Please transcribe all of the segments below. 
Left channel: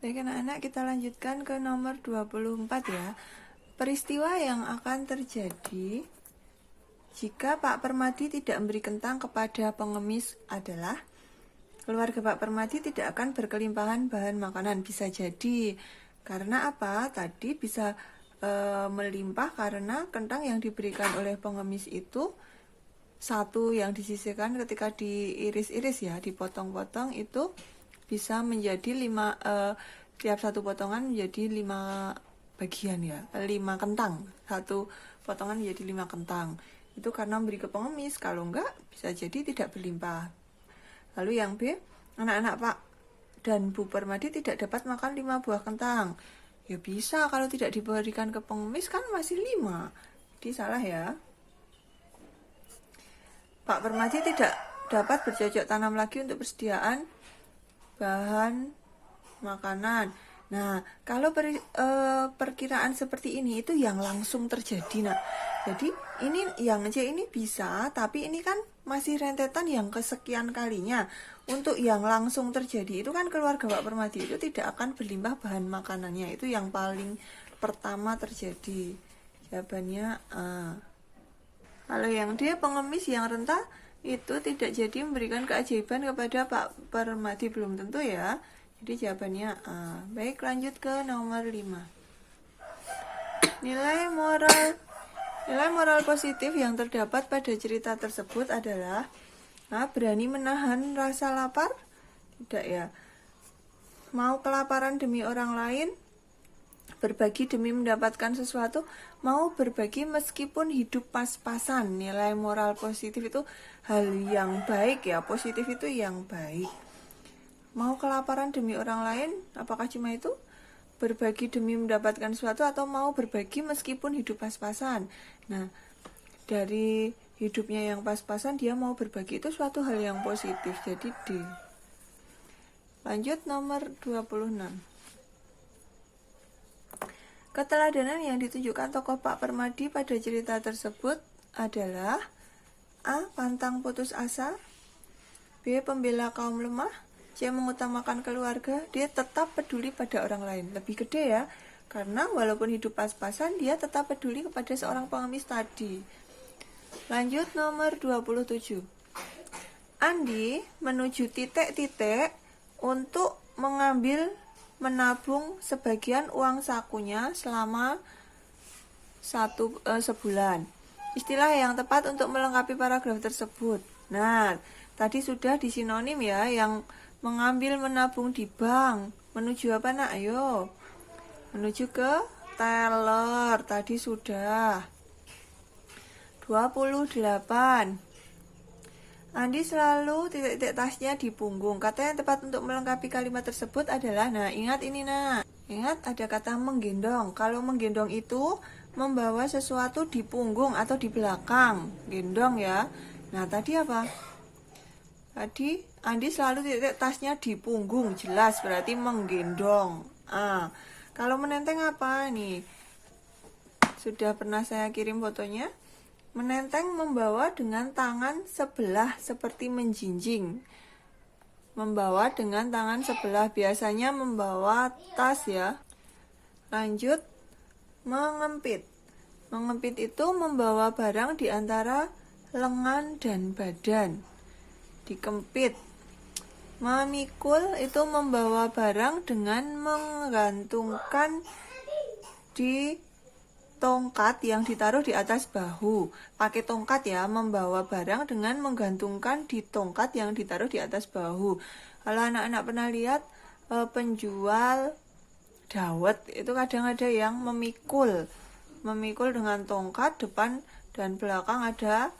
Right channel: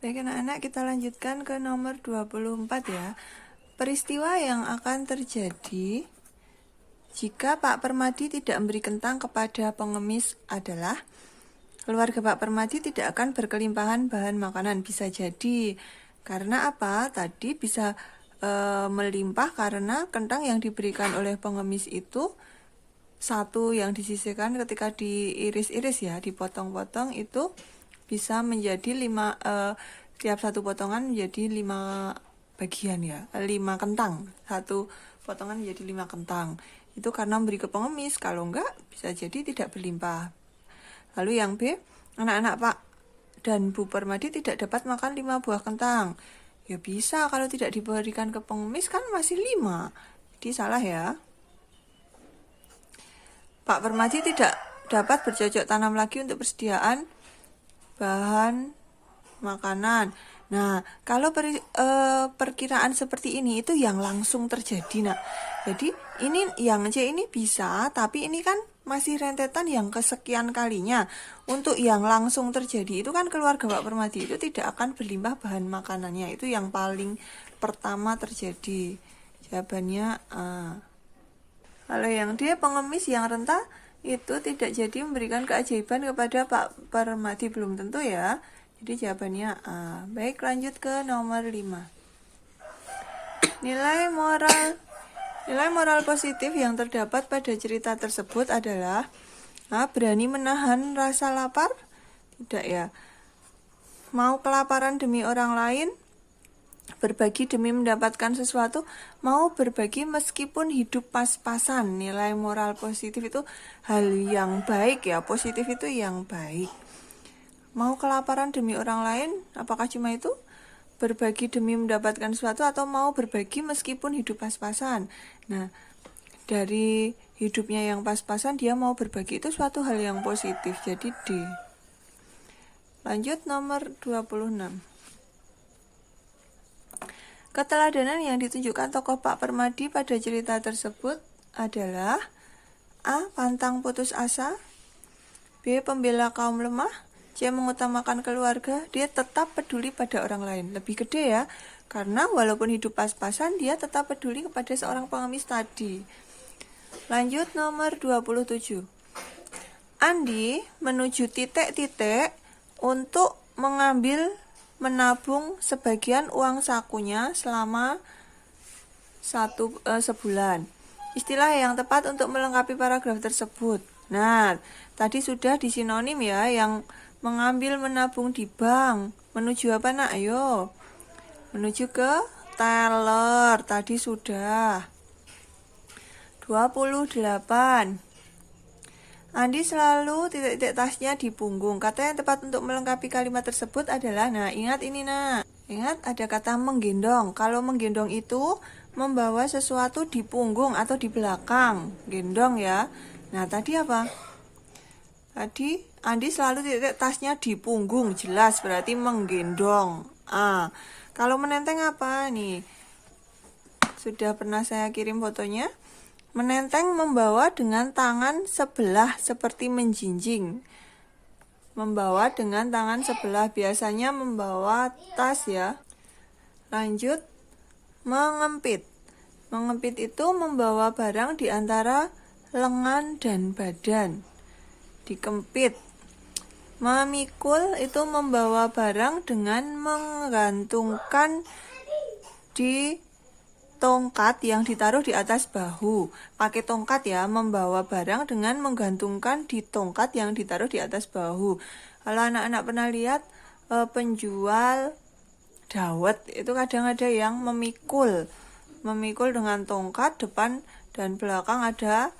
Baik anak-anak, kita lanjutkan ke nomor 24 ya. Peristiwa yang akan terjadi jika Pak Permadi tidak memberi kentang kepada pengemis adalah keluarga Pak Permadi tidak akan berkelimpahan bahan makanan. Bisa jadi karena apa? Tadi bisa melimpah karena kentang yang diberikan oleh pengemis itu satu yang disisihkan ketika diiris-iris ya, dipotong-potong itu bisa menjadi tiap satu potongan menjadi 5 bagian ya, 5 kentang. Satu potongan menjadi 5 kentang. Itu karena memberi ke pengemis, kalau enggak bisa jadi tidak berlimpah. Lalu yang B, anak-anak Pak dan Bu Permadi tidak dapat makan 5 buah kentang. Ya bisa, kalau tidak diberikan ke pengemis kan masih 5. Jadi salah ya. Pak Permadi tidak dapat bercocok tanam lagi untuk persediaan bahan makanan. Nah, kalau perkiraan seperti ini itu yang langsung terjadi, nak. Jadi ini yang C ini bisa, tapi ini kan masih rentetan yang kesekian kalinya. Untuk yang langsung terjadi itu kan keluarga Pak Permadi itu tidak akan berlimpah bahan makanannya. Itu yang paling pertama terjadi. Jawabannya A. Kalau yang D, pengemis yang renta itu tidak jadi memberikan keajaiban kepada Pak Permadi, belum tentu ya. Jadi jawabannya A. Baik, lanjut ke nomor 5. Nilai moral positif yang terdapat pada cerita tersebut adalah A. Berani menahan rasa lapar? Tidak ya. Mau kelaparan demi orang lain? Berbagi demi mendapatkan sesuatu? Mau berbagi meskipun hidup pas-pasan? Nilai moral positif itu hal yang baik ya. Positif itu yang baik. Mau kelaparan demi orang lain? Apakah cuma itu? Berbagi demi mendapatkan sesuatu atau mau berbagi meskipun hidup pas-pasan? Nah, dari hidupnya yang pas-pasan dia mau berbagi, itu suatu hal yang positif. Jadi D. Lanjut nomor 26. Keteladanan yang ditunjukkan tokoh Pak Permadi pada cerita tersebut adalah A. Pantang putus asa, B. Pembela kaum lemah, C. Mengutamakan keluarga, D. Tetap peduli pada orang lain. Lebih gede ya, karena walaupun hidup pas-pasan dia tetap peduli kepada seorang pengemis tadi. Lanjut nomor 27. Andi menuju titik-titik untuk menabung sebagian uang sakunya selama sebulan. Istilah yang tepat untuk melengkapi paragraf tersebut. Nah, tadi sudah disinonim ya, yang mengambil menabung di bank. Menuju apa nak? Ayo. Menuju ke teller. Tadi sudah. 28. Andi selalu titik-titik tasnya di punggung. Kata yang tepat untuk melengkapi kalimat tersebut adalah, nah ingat ini nak. Ingat ada kata menggendong. Kalau menggendong itu membawa sesuatu di punggung atau di belakang. Gendong ya. Nah tadi apa? Tadi Andi selalu titik tasnya di punggung. Jelas berarti menggendong. Kalau menenteng apa nih? Sudah pernah saya kirim fotonya. Menenteng membawa dengan tangan sebelah seperti menjinjing. Membawa dengan tangan sebelah, biasanya membawa tas ya. Lanjut, mengempit. Mengempit itu membawa barang di antara lengan dan badan. Dikempit. Memikul itu membawa barang dengan menggantungkan di tongkat yang ditaruh di atas bahu. Pakai tongkat ya, membawa barang dengan menggantungkan di tongkat yang ditaruh di atas bahu. Kalau anak-anak pernah lihat penjual dawet, itu kadang ada yang memikul dengan tongkat, depan dan belakang ada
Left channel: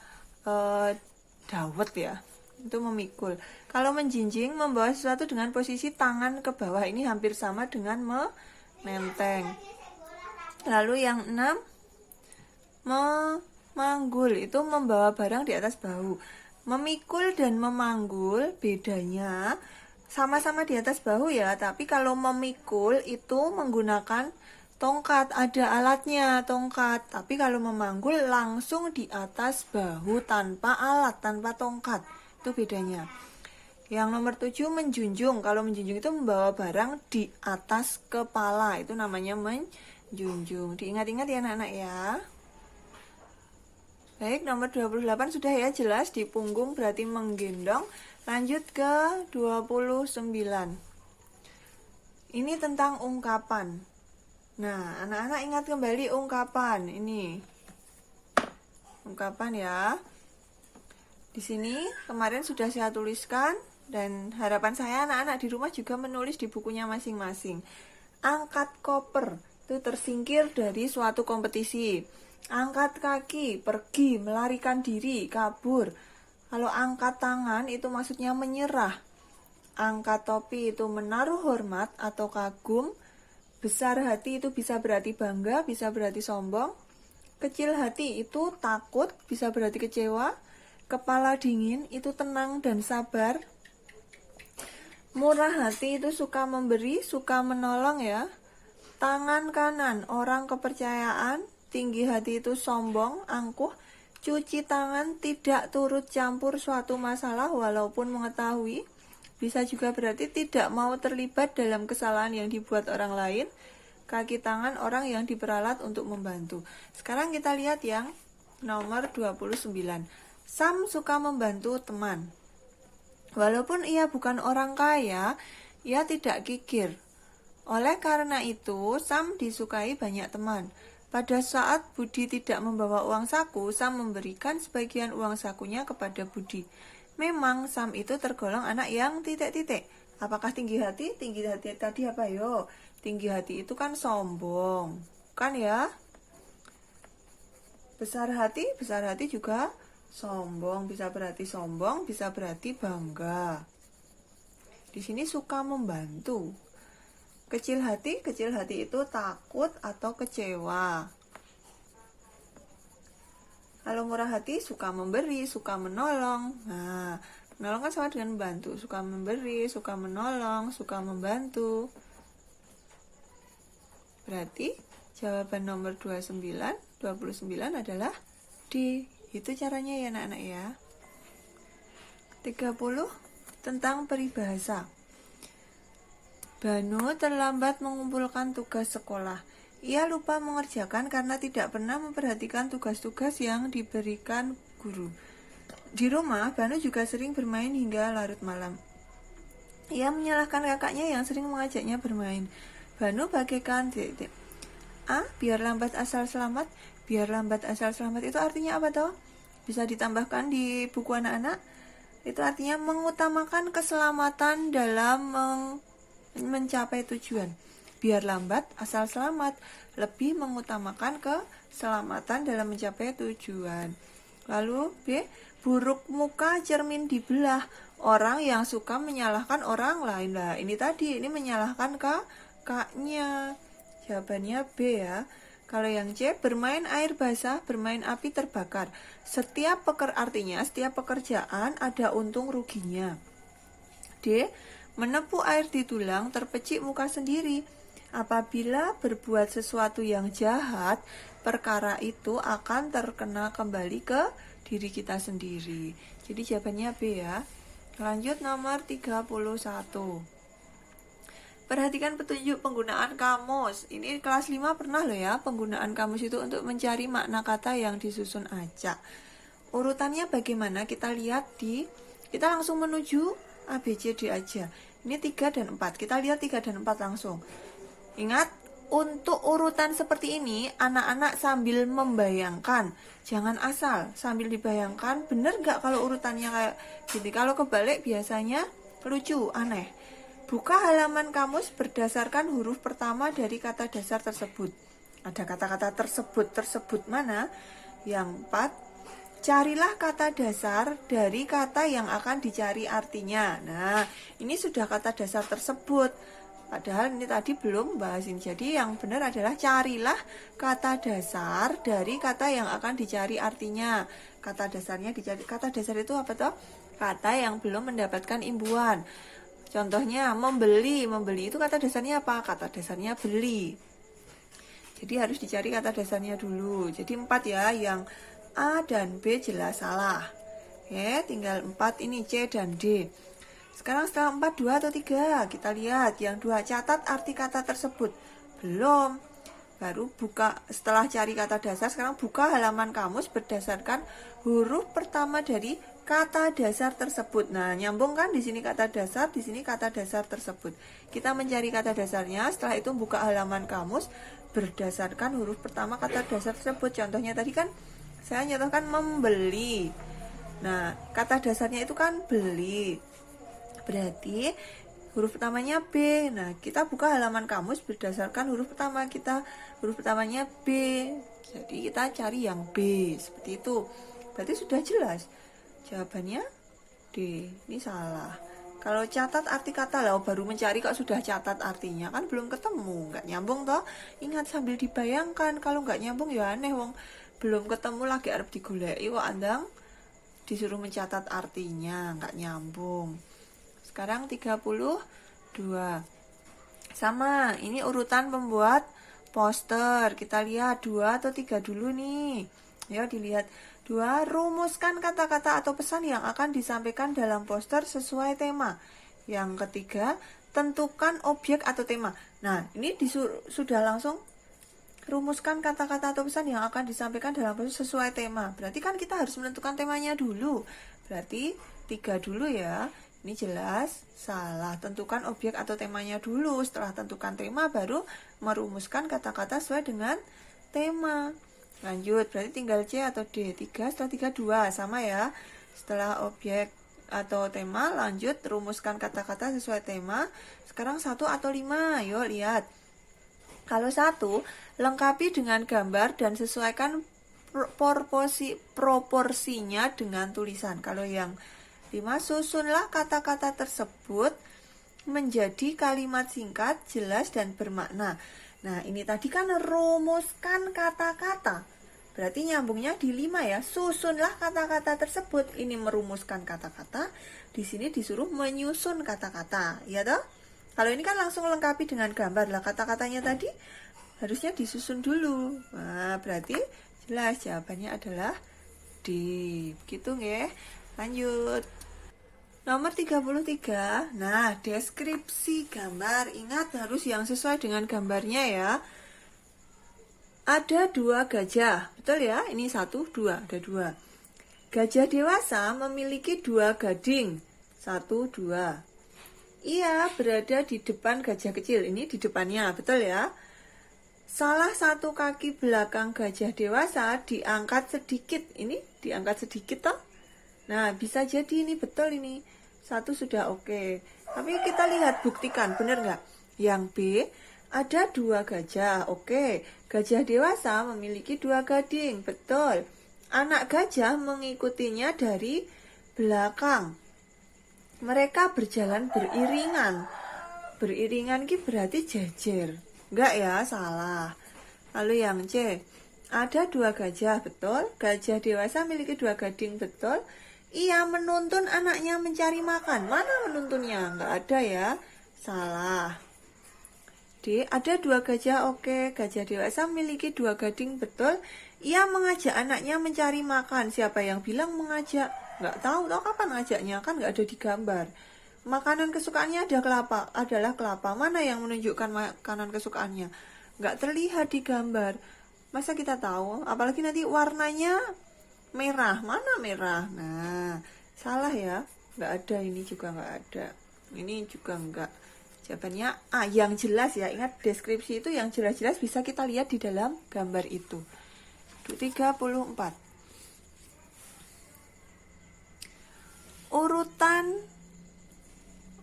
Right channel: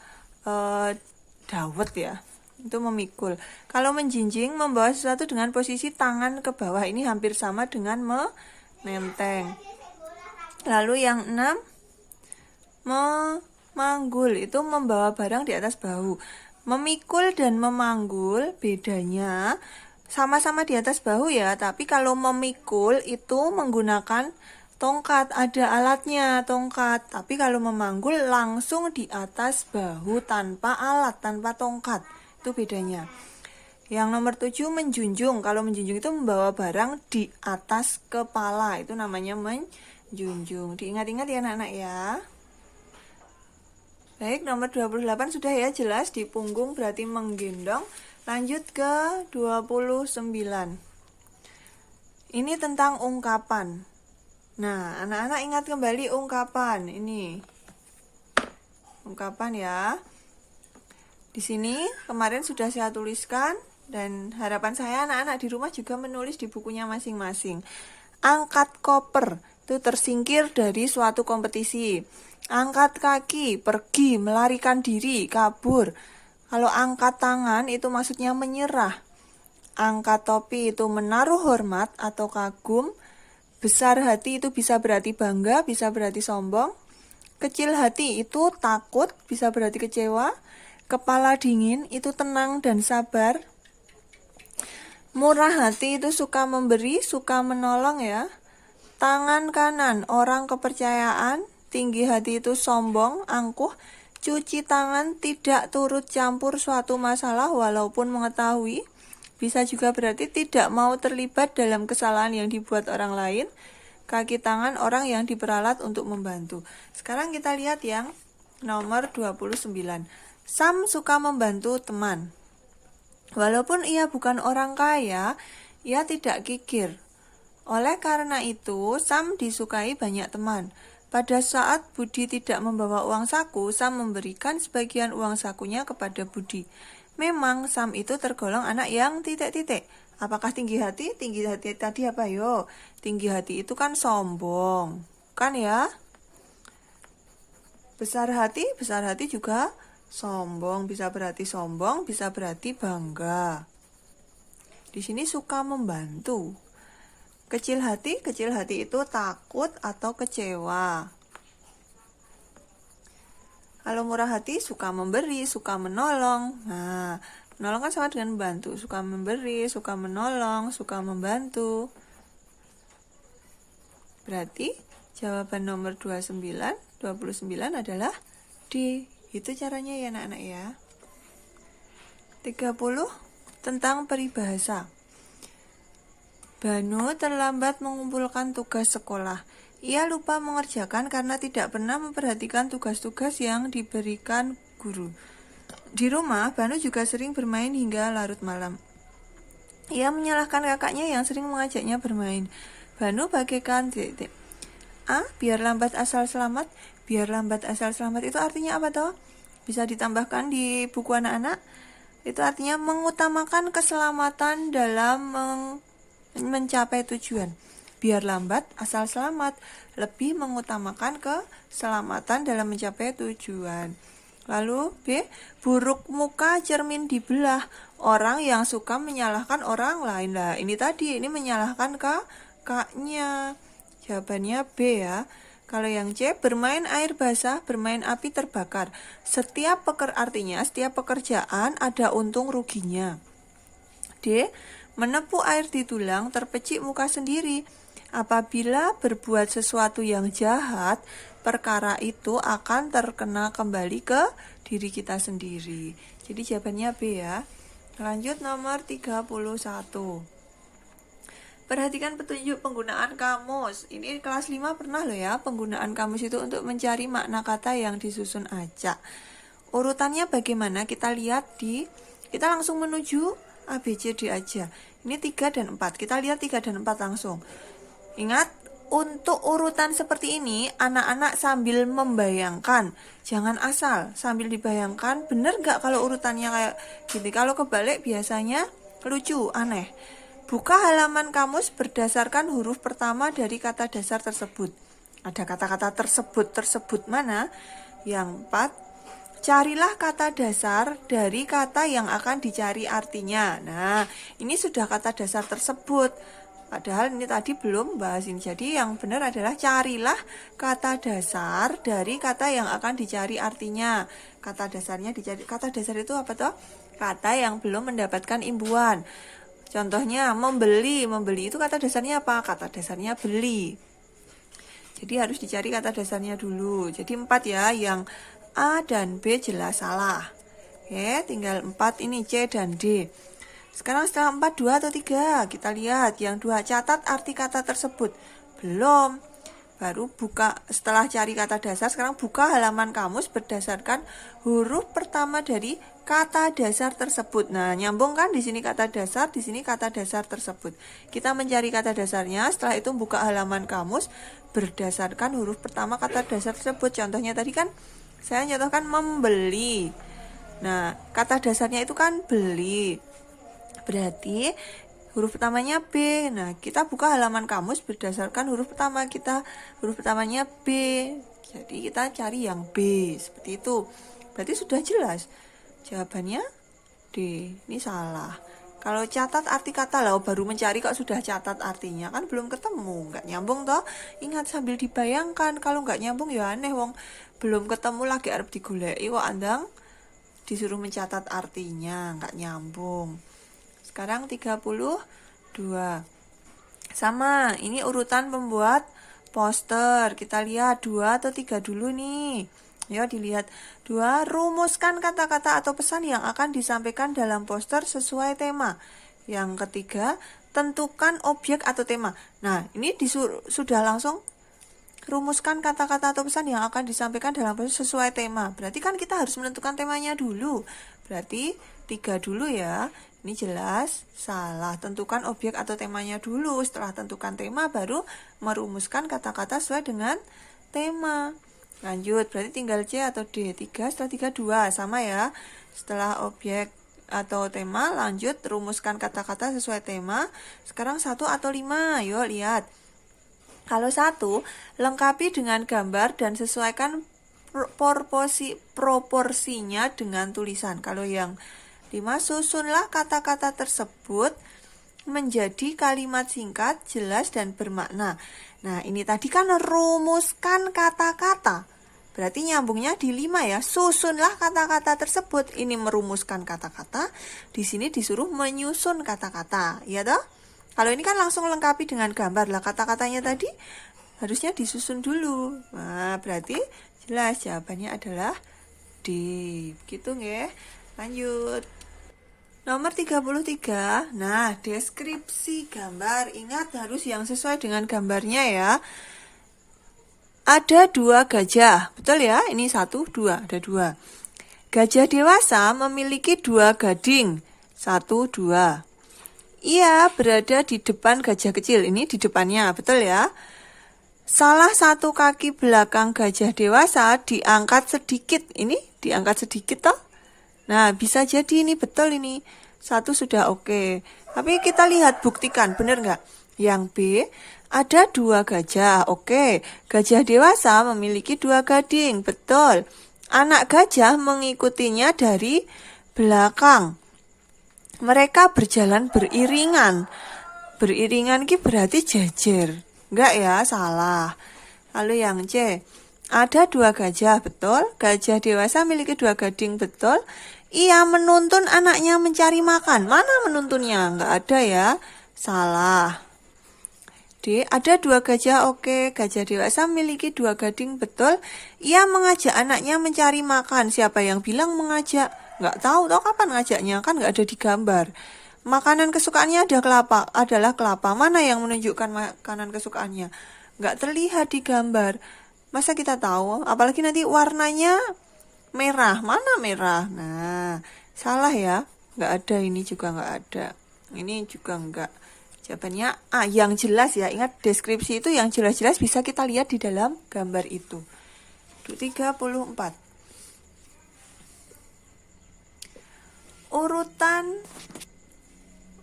dawet ya. Itu memikul. Kalau menjinjing, membawa sesuatu dengan posisi tangan ke bawah. Ini hampir sama dengan menenteng. Lalu yang 6, memanggul itu membawa barang di atas bahu. Memikul dan memanggul bedanya sama-sama di atas bahu ya, tapi kalau memikul itu menggunakan tongkat, ada alatnya tongkat. Tapi kalau memanggul langsung di atas bahu tanpa alat, tanpa tongkat. Itu bedanya. Yang nomor 7 menjunjung. Kalau menjunjung itu membawa barang di atas kepala. Itu namanya menjunjung. Diingat-ingat ya anak-anak ya. Baik, nomor 28 sudah ya jelas, di punggung berarti menggendong. Lanjut ke 29. Ini tentang ungkapan. Nah, anak-anak ingat kembali ungkapan. Ini ungkapan ya. Di sini kemarin sudah saya tuliskan. Dan harapan saya anak-anak di rumah juga menulis di bukunya masing-masing. Angkat koper, itu tersingkir dari suatu kompetisi. Angkat kaki, pergi, melarikan diri, kabur. Kalau angkat tangan itu maksudnya menyerah. Angkat topi itu menaruh hormat atau kagum. Besar hati itu bisa berarti bangga, bisa berarti sombong. Kecil hati itu takut, bisa berarti kecewa. Kepala dingin itu tenang dan sabar. Murah hati itu suka memberi, suka menolong ya. Tangan kanan orang kepercayaan, tinggi hati itu sombong, angkuh. Cuci tangan tidak turut campur suatu masalah walaupun mengetahui. Bisa juga berarti tidak mau terlibat dalam kesalahan yang dibuat orang lain. Kaki tangan orang yang diperalat untuk membantu. Sekarang kita lihat yang nomor 29. Sam suka membantu teman. Walaupun ia bukan orang kaya, ia tidak kikir. Oleh karena itu, Sam disukai banyak teman. Pada saat Budi tidak membawa uang saku, Sam memberikan sebagian uang sakunya kepada Budi. Memang Sam itu tergolong anak yang titik-titik. Apakah tinggi hati? Tinggi hati tadi apa yo? Tinggi hati itu kan sombong, kan ya? Besar hati juga sombong, bisa berarti sombong, bisa berarti bangga. Di sini suka membantu. Kecil hati itu takut atau kecewa. Kalau murah hati suka memberi, suka menolong. Nah, menolong kan sama dengan membantu. Suka memberi, suka menolong, suka membantu. Berarti jawaban nomor 29 adalah D. Itu caranya ya anak-anak ya. 30 tentang peribahasa. Banu terlambat mengumpulkan tugas sekolah. Ia lupa mengerjakan karena tidak pernah memperhatikan tugas-tugas yang diberikan guru. Di rumah, Banu juga sering bermain hingga larut malam. Ia menyalahkan kakaknya yang sering mengajaknya bermain. Banu bagaikan A. Biar lambat asal selamat. Biar lambat asal selamat itu artinya apa toh? Bisa ditambahkan di buku anak-anak. Itu artinya mengutamakan keselamatan dalam mencapai tujuan. Biar lambat asal selamat, lebih mengutamakan keselamatan dalam mencapai tujuan. Lalu B. Buruk muka cermin dibelah. Orang yang suka menyalahkan orang lain. Lah, ini tadi, ini menyalahkan kakaknya. Jawabannya B ya. Kalau yang C, bermain air basah, bermain api terbakar. Artinya setiap pekerjaan ada untung ruginya. D, menepuk air di tulang, terpecik muka sendiri. Apabila berbuat sesuatu yang jahat, perkara itu akan terkena kembali ke diri kita sendiri. Jadi jawabannya B ya. Lanjut nomor 31. Perhatikan petunjuk penggunaan kamus. Ini kelas 5 pernah loh ya, penggunaan kamus itu untuk mencari makna kata yang disusun acak. Urutannya bagaimana? Kita langsung menuju A, B, C, D aja. Ini 3 dan 4. Kita lihat 3 dan 4 langsung. Ingat, untuk urutan seperti ini, anak-anak sambil membayangkan. Jangan asal, sambil dibayangkan, bener gak kalau urutannya kayak gini? Kalau kebalik biasanya lucu, aneh. Buka halaman kamus berdasarkan huruf pertama dari kata dasar tersebut. Ada kata-kata tersebut mana? Yang 4, carilah kata dasar dari kata yang akan dicari artinya. Nah, ini sudah kata dasar tersebut. Padahal ini tadi belum bahas ini. Jadi yang benar adalah carilah kata dasar dari kata yang akan dicari artinya. Kata dasarnya dicari. Kata dasar itu apa toh? Kata yang belum mendapatkan imbuhan. Contohnya membeli itu kata dasarnya apa? Kata dasarnya beli. Jadi harus dicari kata dasarnya dulu. Jadi 4 ya, yang A dan B jelas salah. Oke, tinggal 4 ini C dan D. Sekarang setelah 4, 2 atau 3? Kita lihat yang 2. Catat arti kata tersebut. Belum. Baru buka, setelah cari kata dasar, sekarang buka halaman kamus berdasarkan huruf pertama dari kata dasar tersebut. Nah, nyambung kan di sini kata dasar, di sini kata dasar tersebut. Kita mencari kata dasarnya, setelah itu buka halaman kamus berdasarkan huruf pertama kata dasar tersebut. Contohnya tadi kan saya contohkan membeli. Nah, kata dasarnya itu kan beli. Berarti huruf pertamanya B. Nah, kita buka halaman kamus berdasarkan huruf pertama kita. Huruf pertamanya B. Jadi kita cari yang B. Seperti itu. Berarti sudah jelas. Jawabannya D. Ini salah. Kalau catat arti kata lah, baru mencari kok sudah catat artinya, kan belum ketemu, nggak nyambung toh. Ingat sambil dibayangkan, kalau nggak nyambung ya aneh wong. Belum ketemu lagi arep digoleki kok andang disuruh mencatat artinya, nggak nyambung. Sekarang 32. Sama, ini urutan pembuat poster. Kita lihat 2 atau 3 dulu nih. Yuk dilihat. 2. Rumuskan kata-kata atau pesan yang akan disampaikan dalam poster sesuai tema. Yang ketiga, tentukan objek atau tema. Nah, ini sudah langsung rumuskan kata-kata atau pesan yang akan disampaikan dalam poster sesuai tema. Berarti kan kita harus menentukan temanya dulu. Berarti 3 dulu ya. Ini jelas salah. Tentukan objek atau temanya dulu. Setelah tentukan tema baru merumuskan kata-kata sesuai dengan tema. Lanjut, berarti tinggal C atau D. 3, setelah 3, 2. Sama ya. Setelah objek atau tema, lanjut rumuskan kata-kata sesuai tema. Sekarang 1 atau 5. Yuk lihat. Kalau 1, lengkapi dengan gambar dan sesuaikan proporsinya dengan tulisan. Kalau yang 5, susunlah kata-kata tersebut menjadi kalimat singkat, jelas, dan bermakna. Nah, ini tadi kan rumuskan kata-kata. Berarti nyambungnya di 5 ya. Susunlah kata-kata tersebut. Ini merumuskan kata-kata. Di sini disuruh menyusun kata-kata. Ya toh? Kalau ini kan langsung lengkapi dengan gambar. Lah kata-katanya tadi harusnya disusun dulu. Nah, berarti jelas jawabannya adalah D. Gitu nggih. Lanjut. Nomor 33, nah deskripsi gambar, ingat harus yang sesuai dengan gambarnya ya. Ada 2 gajah, betul ya? Ini 1, 2, ada 2. Gajah dewasa memiliki 2 gading, 1, 2. Ia berada di depan gajah kecil, ini di depannya, betul ya? Salah satu kaki belakang gajah dewasa diangkat sedikit, ini diangkat sedikit toh? Nah, bisa jadi ini betul ini. 1 sudah oke. Tapi kita lihat, buktikan, benar nggak? Yang B, ada 2 gajah. Oke, gajah dewasa memiliki 2 gading. Betul. Anak gajah mengikutinya dari belakang. Mereka berjalan beriringan. Beriringan ini berarti jejer. Enggak ya, salah. Lalu yang C, ada 2 gajah, betul. Gajah dewasa memiliki 2 gading, betul. Ia menuntun anaknya mencari makan. Mana menuntunnya? Enggak ada ya. Salah. D, ada 2 gajah. Oke, gajah dewasa memiliki 2 gading, betul. Ia mengajak anaknya mencari makan. Siapa yang bilang mengajak? Enggak tahu kapan ngajaknya, kan enggak ada di gambar. Makanan kesukaannya adalah kelapa. Mana yang menunjukkan makanan kesukaannya? Enggak terlihat di gambar. Masa kita tahu? Apalagi nanti warnanya merah. Mana merah? Nah, salah ya. Nggak ada, ini juga nggak ada. Ini juga nggak. Jawabannya A, yang jelas ya. Ingat, deskripsi itu yang jelas-jelas bisa kita lihat di dalam gambar itu. 34.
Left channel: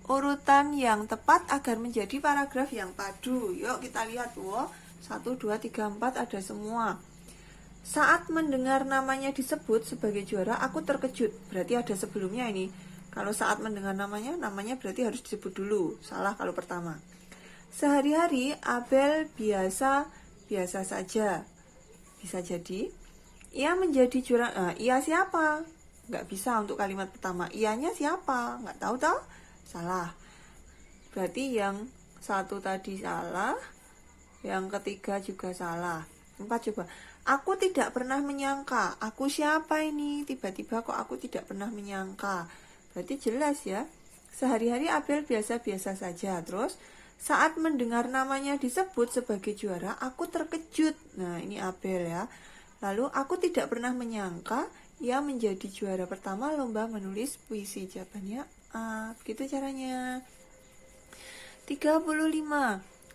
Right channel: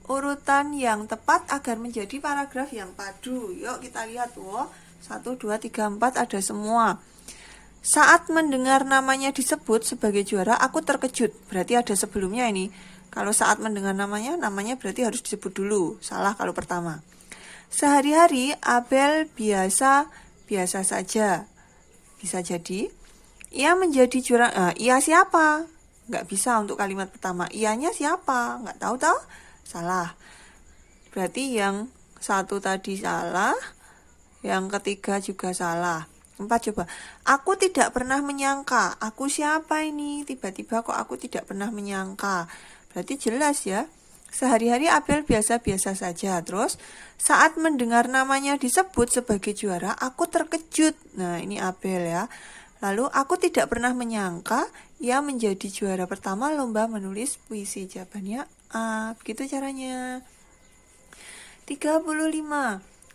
Urutan yang tepat agar menjadi paragraf yang padu. Yuk kita lihat. 1, 2, 3, 4 ada semua. Saat mendengar namanya disebut sebagai juara, aku terkejut. Berarti ada sebelumnya ini. Kalau saat mendengar namanya berarti harus disebut dulu. Salah kalau pertama. Sehari-hari Abel biasa saja. Bisa jadi. Ia menjadi juara. Ia siapa? Nggak bisa untuk kalimat pertama. Ianya siapa? Nggak tahu toh? Salah. Berarti yang 1 tadi salah. Yang ketiga juga salah. 4 coba. Aku tidak pernah menyangka. Aku siapa ini? Tiba-tiba kok aku tidak pernah menyangka. Berarti jelas ya. Sehari-hari Abel biasa-biasa saja. Terus saat mendengar namanya disebut sebagai juara, aku terkejut. Nah, ini Abel ya. Lalu aku tidak pernah menyangka ia menjadi juara pertama lomba menulis puisi. Jawabannya A. Begitu caranya. 35.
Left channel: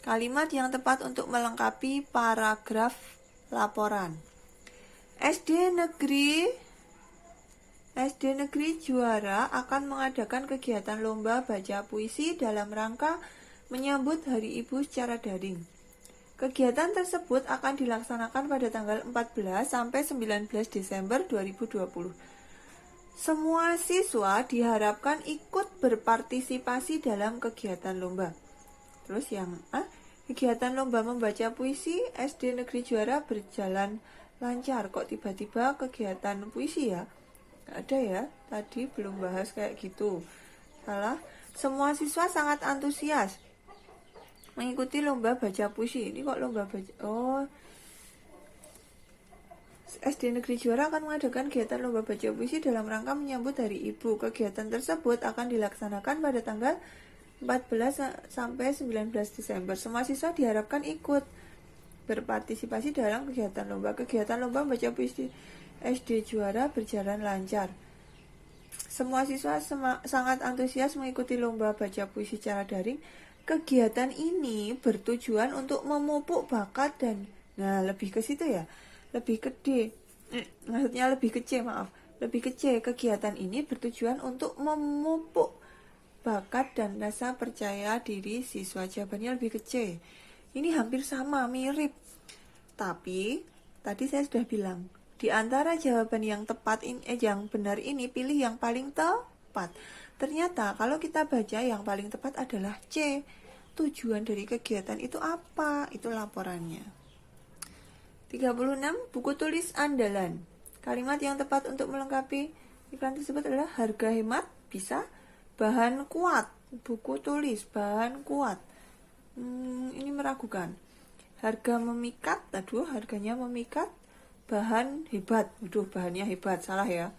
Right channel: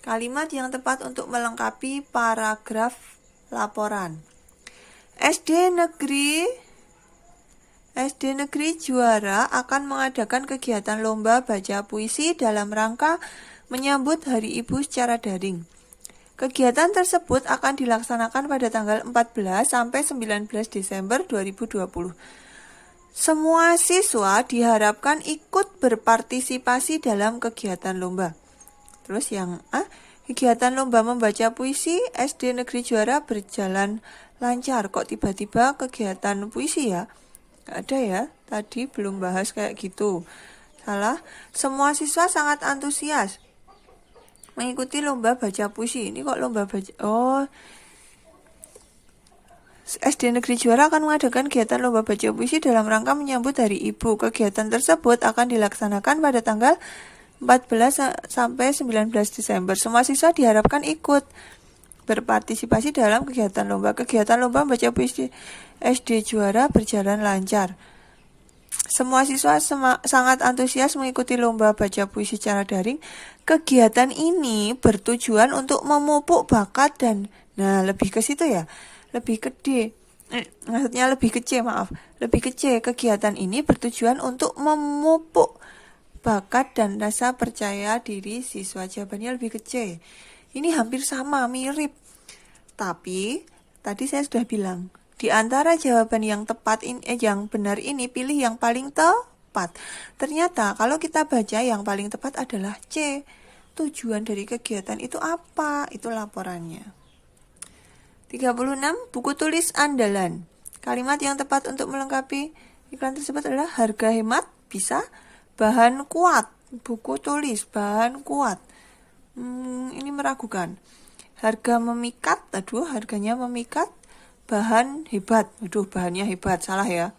Kalimat yang tepat untuk melengkapi paragraf laporan. SD Negeri Juara akan mengadakan kegiatan lomba baca puisi dalam rangka menyambut Hari Ibu secara daring. Kegiatan tersebut akan dilaksanakan pada tanggal 14 sampai 19 Desember 2020. Semua siswa diharapkan ikut berpartisipasi dalam kegiatan lomba. Terus yang A, kegiatan lomba membaca puisi SD Negeri Juara berjalan lancar. Kok tiba-tiba kegiatan puisi ya? Gak ada ya, tadi belum bahas kayak gitu. Salah, semua siswa sangat antusias mengikuti lomba baca puisi. Ini kok lomba baca, SD Negeri Juara akan mengadakan kegiatan lomba baca puisi dalam rangka menyambut Hari Ibu. Kegiatan tersebut akan dilaksanakan pada tanggal 14 sampai 19 Desember. Semua siswa diharapkan ikut berpartisipasi dalam kegiatan lomba. Kegiatan lomba baca puisi SD Juara berjalan lancar. Semua siswa sangat antusias mengikuti lomba baca puisi secara daring. Kegiatan ini bertujuan untuk memupuk bakat dan, nah lebih ke situ ya, lebih gede, lebih kecil. Kegiatan ini bertujuan untuk memupuk bakat dan rasa percaya diri siswa. Jawabannya lebih kecil. Ini hampir sama, mirip. Tapi tadi saya sudah bilang, di antara jawaban yang tepat yang benar ini pilih yang paling tepat. Ternyata kalau kita baca yang paling tepat adalah C. Tujuan dari kegiatan itu apa? Itu laporannya. 36. Buku tulis andalan. Kalimat yang tepat untuk melengkapi iklan tersebut adalah harga hemat, bisa. Bahan kuat, buku tulis, bahan kuat. Ini meragukan. Harga memikat, harganya memikat. Bahan hebat, bahannya hebat, salah ya.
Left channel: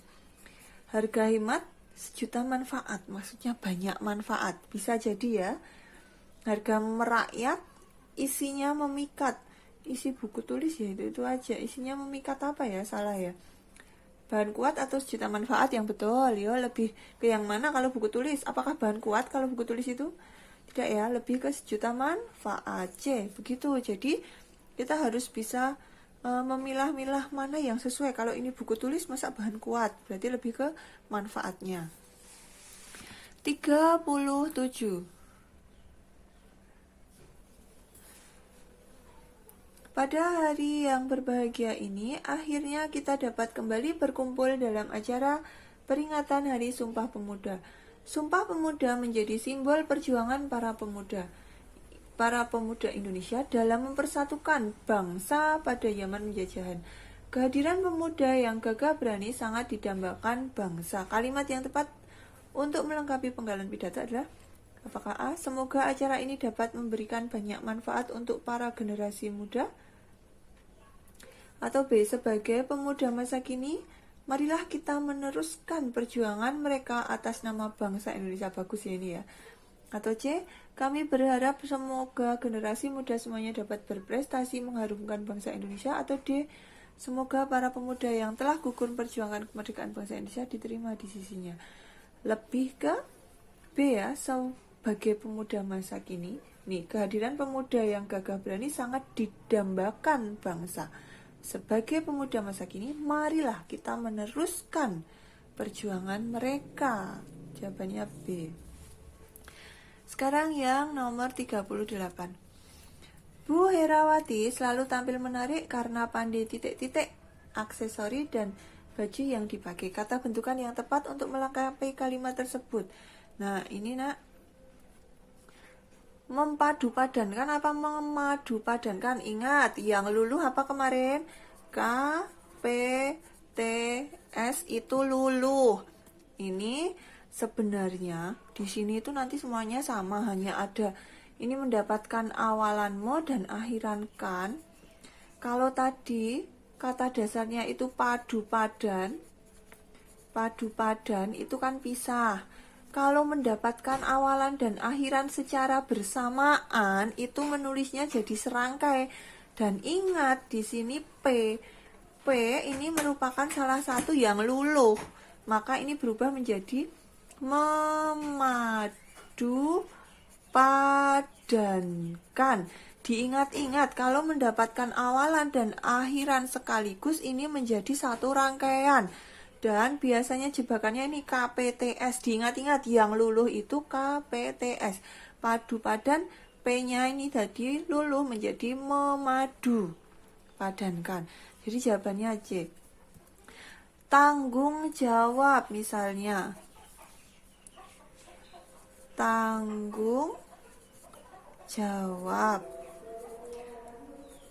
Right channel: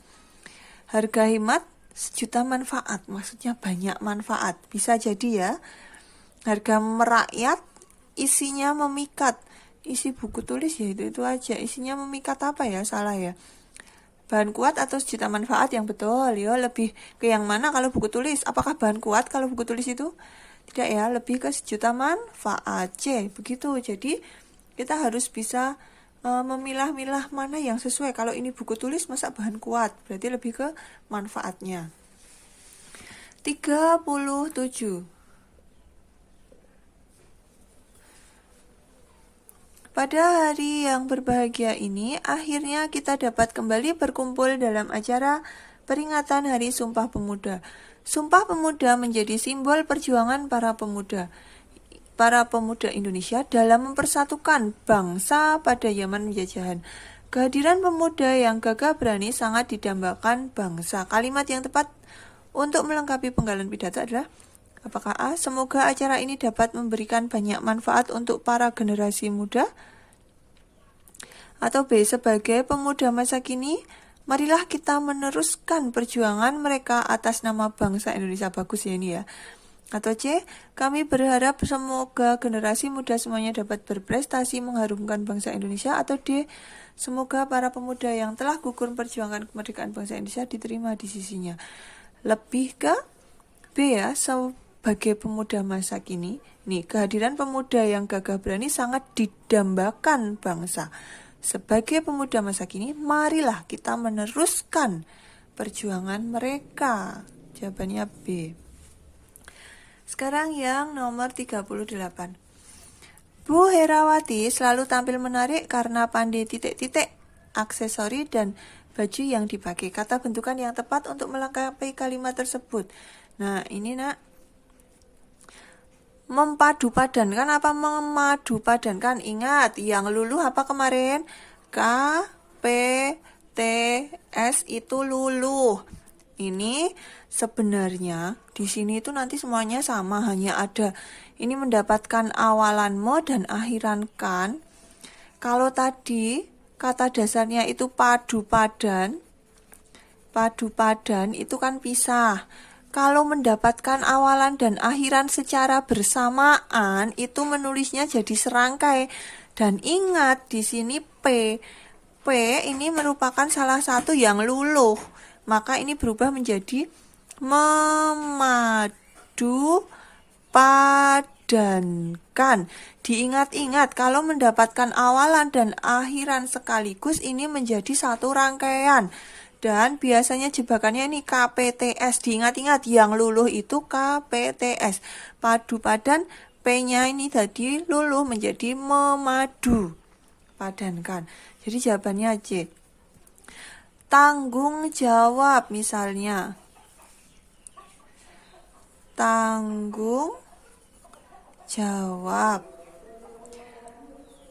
Harga hemat, sejuta manfaat, maksudnya banyak manfaat. Bisa jadi ya. Harga merakyat, isinya memikat. Isi buku tulis ya itu aja. Isinya memikat apa ya? Salah ya. Bahan kuat atau sejuta manfaat yang betul ya. Lebih ke yang mana kalau buku tulis? Apakah bahan kuat kalau buku tulis itu? Tidak ya, lebih ke sejuta manfaat. C. Begitu. Jadi kita harus bisa memilah-milah mana yang sesuai. Kalau ini buku tulis masa bahan kuat? Berarti lebih ke manfaatnya. 37. Pada hari yang berbahagia ini, akhirnya kita dapat kembali berkumpul dalam acara peringatan Hari Sumpah Pemuda. Sumpah Pemuda menjadi simbol perjuangan para pemuda Indonesia dalam mempersatukan bangsa pada zaman penjajahan. Kehadiran pemuda yang gagah berani sangat didambakan bangsa. Kalimat yang tepat untuk melengkapi penggalan pidato adalah apakah A. Semoga acara ini dapat memberikan banyak manfaat untuk para generasi muda. Atau B. Sebagai pemuda masa kini, marilah kita meneruskan perjuangan mereka atas nama bangsa Indonesia. Bagus ya ini ya. Atau C. Kami berharap semoga generasi muda semuanya dapat berprestasi mengharumkan bangsa Indonesia. Atau D. Semoga para pemuda yang telah gugur perjuangan kemerdekaan bangsa Indonesia diterima di sisinya. Lebih ke B ya, sebagai pemuda masa kini. Nih, kehadiran pemuda yang gagah berani sangat didambakan bangsa. Sebagai pemuda masa kini, marilah kita meneruskan perjuangan mereka. Jawabannya B. Sekarang yang nomor 38. Bu Herawati selalu tampil menarik karena pandai titik-titik, aksesori, dan baju yang dipakai. Kata bentukan yang tepat untuk melengkapi kalimat tersebut. Nah, ini nak. Memadupadankan apa memadupadankan? Ingat, yang luluh apa kemarin? K, P, T, S itu luluh. Ini sebenarnya di sini itu nanti semuanya sama, hanya ada ini mendapatkan awalan mo dan akhiran kan. Kalau tadi kata dasarnya itu padu padan itu kan pisah. Kalau mendapatkan awalan dan akhiran secara bersamaan, itu menulisnya jadi serangkai. Dan ingat di sini P. P ini merupakan salah satu yang luluh. Maka ini berubah menjadi memadu padankan. Diingat-ingat kalau mendapatkan awalan dan akhiran sekaligus ini menjadi satu rangkaian. Dan biasanya jebakannya ini KPTS. Diingat-ingat yang luluh itu KPTS. Padu padan, P-nya ini tadi luluh menjadi memadu padankan. Jadi jawabannya C. Tanggung jawab misalnya. Tanggung jawab.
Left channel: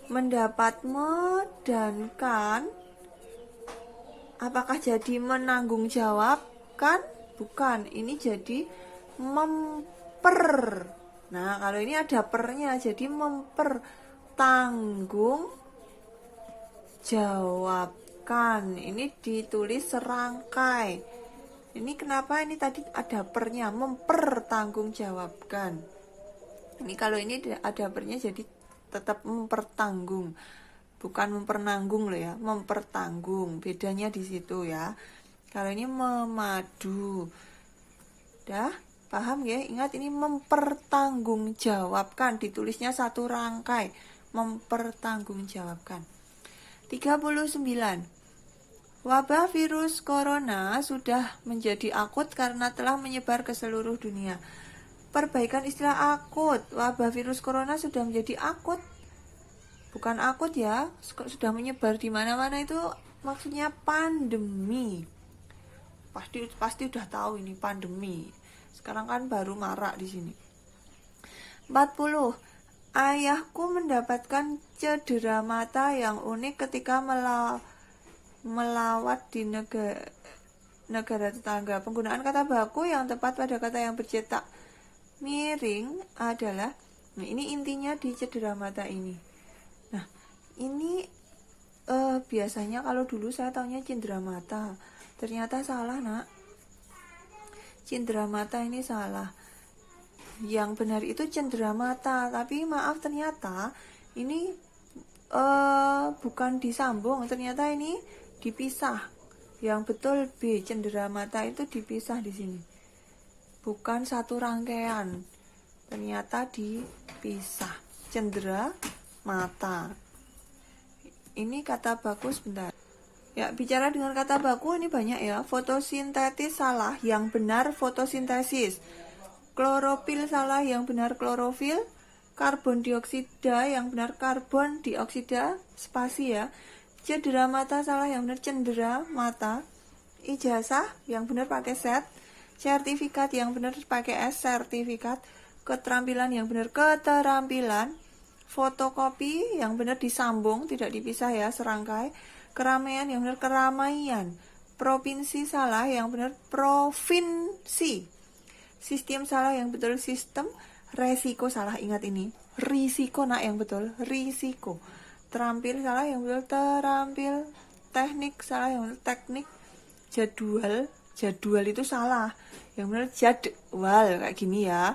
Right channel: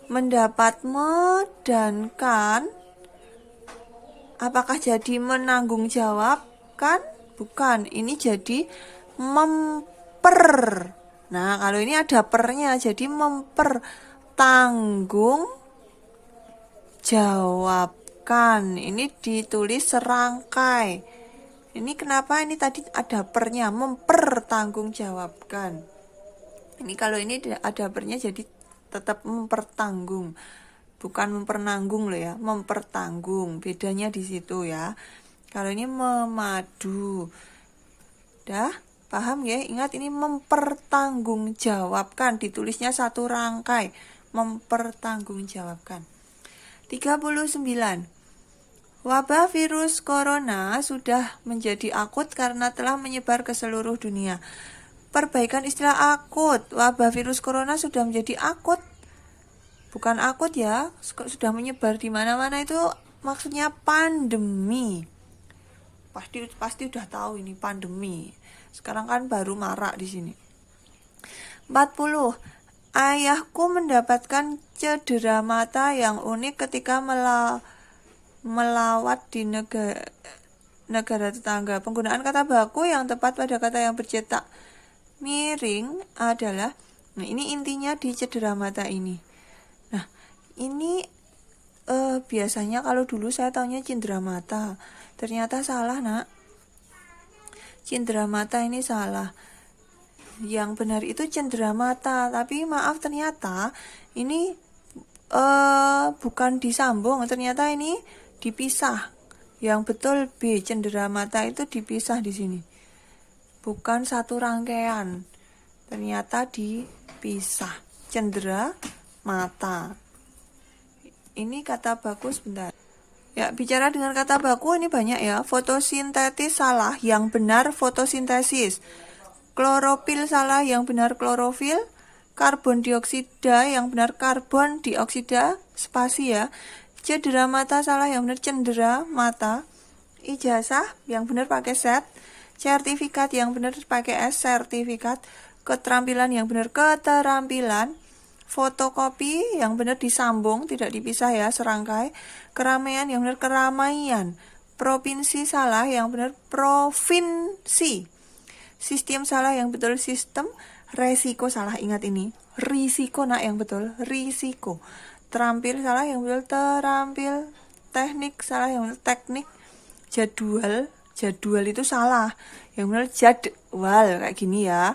Mendapat me dan kan. Apakah jadi menanggung jawab? Kan? Bukan. Ini jadi memper. Nah, kalau ini ada pernya, jadi memper. Tanggung jawabkan. Ini ditulis serangkai. Ini kenapa ini tadi ada pernya? Mempertanggungjawabkan. Ini kalau ini ada pernya jadi tetap mempertanggung. Bukan mempernanggung loh ya, mempertanggung. Bedanya di situ ya. Kalau ini memadu. Dah, paham ya? Ingat ini mempertanggungjawabkan. Ditulisnya satu rangkai. Mempertanggungjawabkan. 39. Wabah virus corona sudah menjadi akut karena telah menyebar ke seluruh dunia. Perbaikan istilah akut. Wabah virus corona sudah menjadi akut. Bukan akut ya, sudah menyebar di mana-mana itu maksudnya pandemi. Pasti udah tahu ini pandemi. Sekarang kan baru marak di sini. 40. Ayahku mendapatkan cedera mata yang unik ketika melawat di negara tetangga. Penggunaan kata baku yang tepat pada kata yang bercetak miring adalah, nah ini intinya di cedera mata ini. Nah, ini biasanya kalau dulu saya taunya cindera mata. Ternyata salah, Nak. Cindera mata ini salah. Yang benar itu cendera mata. Tapi maaf, ternyata ini bukan disambung. Ternyata ini dipisah. Yang betul B, cendera mata itu dipisah di sini. Bukan satu rangkaian. Ternyata dipisah. Cendera mata. Ini kata baku sebentar. Ya, bicara dengan kata baku ini banyak ya. Fotosintetis salah, yang benar fotosintesis. Klorofil salah, yang benar klorofil. Karbon dioksida, yang benar karbon dioksida. Spasi ya. Cedera mata salah, yang benar cendera mata. Ijazah, yang benar pakai set. Sertifikat, yang benar pakai S, sertifikat. Keterampilan, yang benar keterampilan. Fotokopi, yang benar disambung, tidak dipisah ya, serangkai. Keramaian, yang benar keramaian. Provinsi salah, yang benar provinsi. Sistem salah, yang betul sistem. Resiko salah, ingat ini. Risiko, nak, yang betul risiko. Terampil salah, yang betul terampil. Teknik salah, yang betul teknik. Jadwal itu salah, yang benar jadwal, kayak gini ya.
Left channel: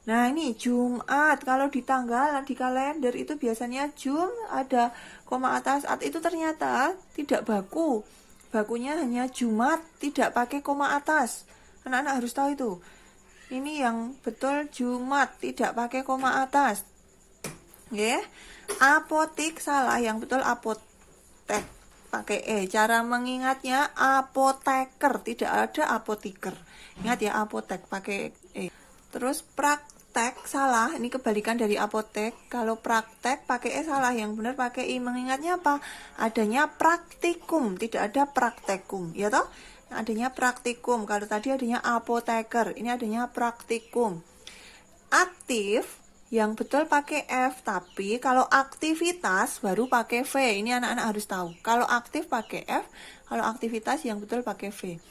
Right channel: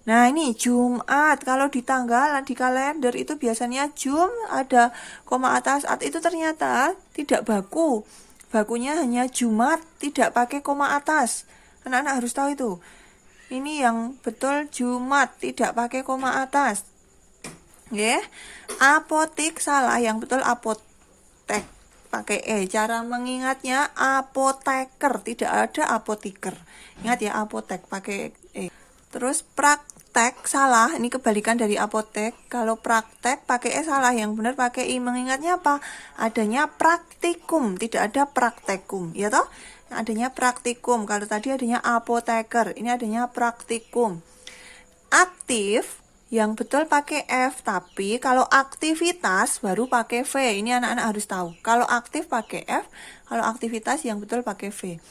Nah, ini Jumat. Kalau di tanggal, di kalender itu biasanya Jum ada koma atas. Itu ternyata tidak baku. Bakunya hanya Jumat, tidak pakai koma atas. Anak-anak harus tahu itu. Ini yang betul Jumat, tidak pakai koma atas. Ya. Apotik salah, yang betul apotek pakai E. Cara mengingatnya apoteker, tidak ada apotiker. Ingat ya, apotek pakai E. Terus praktek salah, ini kebalikan dari apotek. Kalau praktek pakai E salah, yang benar pakai I. Mengingatnya apa? Adanya praktikum, tidak ada praktekum, ya toh? Adanya praktikum. Kalau tadi adanya apoteker, ini adanya praktikum. Aktif, yang betul pakai F, tapi kalau aktivitas baru pakai V. Ini anak-anak harus tahu. Kalau aktif pakai F, kalau aktivitas yang betul pakai V.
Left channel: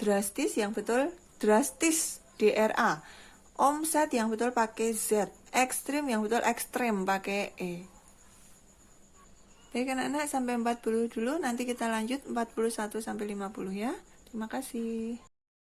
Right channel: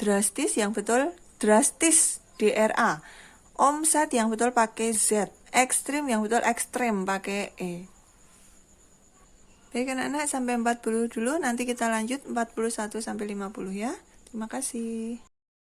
Drastis, yang betul drastis, DRA. Omset, yang betul pakai Z. Ekstrim, yang betul ekstrem pakai E. Baik anak-anak, sampai 40 dulu. Nanti kita lanjut 41 sampai 50 ya. Terima kasih.